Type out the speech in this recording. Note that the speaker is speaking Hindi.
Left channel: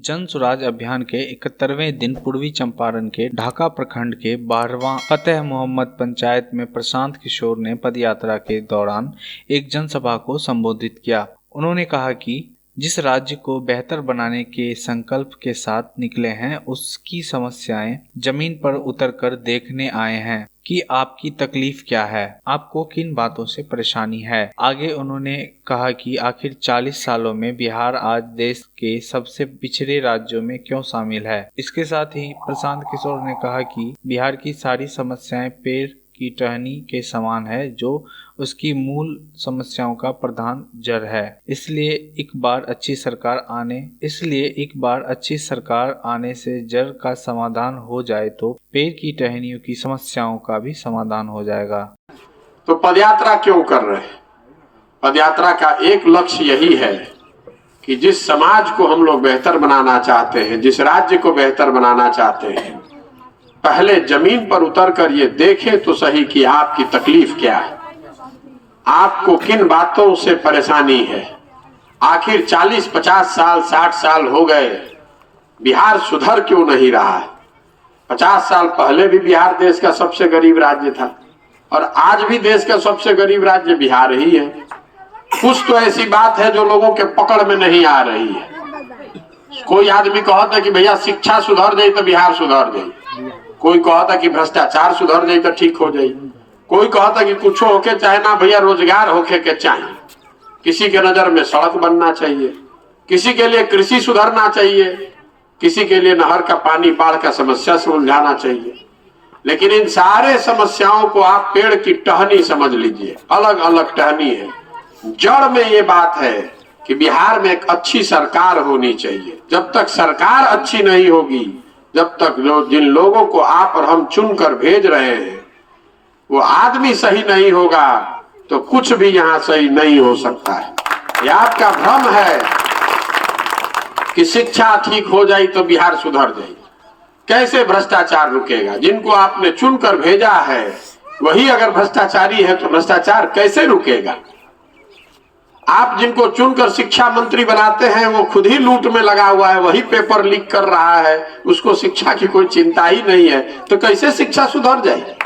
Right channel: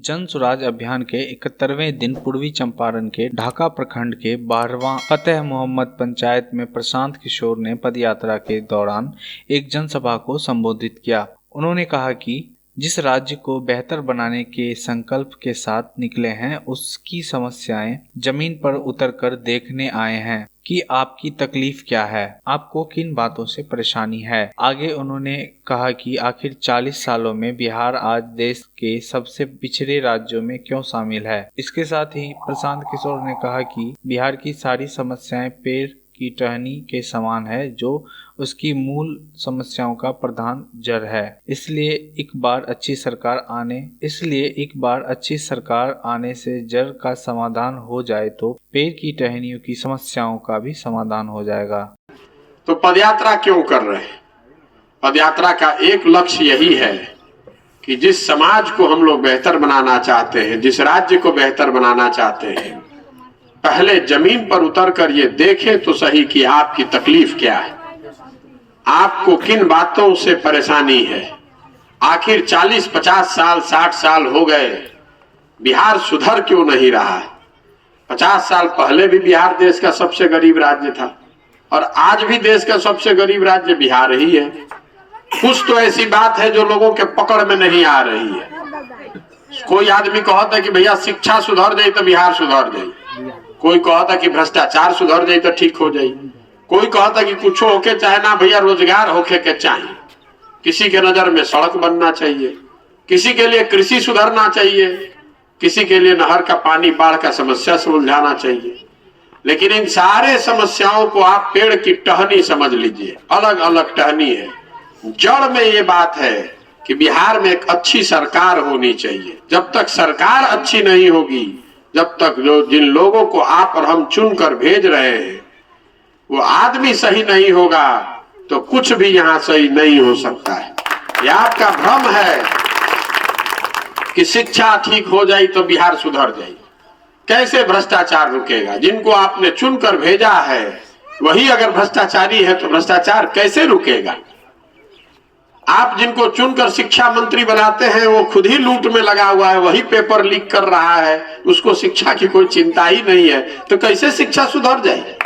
जन स्वराज अभियान के 71वें दिन पूर्वी चंपारण के ढाका प्रखंड के 12वां फतेह मोहम्मद पंचायत में प्रशांत किशोर ने पदयात्रा के दौरान एक जनसभा को संबोधित किया। उन्होंने कहा कि जिस राज्य को बेहतर बनाने के संकल्प के साथ निकले हैं, उसकी समस्याएं जमीन पर उतरकर देखने आए हैं कि आपकी तकलीफ क्या है, आपको किन बातों से परेशानी है। आगे उन्होंने कहा कि आखिर 40 सालों में बिहार आज देश के सबसे पिछड़े राज्यों में क्यों शामिल है। इसके साथ ही प्रशांत किशोर ने कहा कि बिहार की सारी समस्याएं पेड़ की टहनी के समान है, जो उसकी मूल समस्याओं का प्रधान जड़ है। इसलिए एक बार अच्छी सरकार आने से जड़ का समाधान हो जाए तो पेड़ की टहनियों की समस्याओं का भी समाधान हो जाएगा। तो पदयात्रा क्यों कर रहे हैं? पदयात्रा का एक लक्ष्य यही है कि जिस समाज को हम लोग बेहतर बनाना चाहते हैं, जिस राज्य को बेहतर बनाना चाहते हैं, पहले जमीन पर उतरकर ये देखें तो सही कि आपकी तकलीफ क्या है, आपको किन बातों से परेशानी है। आखिर 40, 50 साल, 60 साल हो गए, बिहार सुधर क्यों नहीं रहा है? 50 साल पहले भी बिहार देश का सबसे गरीब राज्य था और आज भी देश का सबसे गरीब राज्य बिहार ही है। कुछ तो ऐसी बात है जो लोगों के पकड़ में नहीं आ रही है। कोई आदमी कहता है कि भैया शिक्षा सुधर जाए तो बिहार सुधर जाए, कोई कहता कि भ्रष्टाचार सुधर जाए तो ठीक हो जाए, कोई कहता कि कुछ होके चाहे ना भैया रोजगार होके के चाहिए, किसी के नजर में सड़क बनना चाहिए, किसी के लिए कृषि सुधरना चाहिए, किसी के लिए नहर का पानी बाढ़ का समस्या सुलझाना चाहिए। लेकिन इन सारे समस्याओं को आप पेड़ की टहनी समझ लीजिए, अलग अलग टहनी है। जड़ में ये बात है कि बिहार में एक अच्छी सरकार होनी चाहिए। जब तक सरकार अच्छी नहीं होगी, जब तक जिन लोगों को आप और हम चुनकर भेज रहे हैं वो आदमी सही नहीं होगा तो कुछ भी यहाँ सही नहीं हो सकता है। यह आपका भ्रम है कि शिक्षा ठीक हो जाए तो बिहार सुधर जाए। कैसे भ्रष्टाचार रुकेगा? जिनको आपने चुनकर भेजा है वही अगर भ्रष्टाचारी है तो भ्रष्टाचार कैसे रुकेगा? आप जिनको चुनकर शिक्षा मंत्री बनाते हैं वो खुद ही लूट में लगा हुआ है, वही पेपर लीक कर रहा है, उसको शिक्षा की कोई चिंता ही नहीं है, तो कैसे शिक्षा सुधर जाएगी?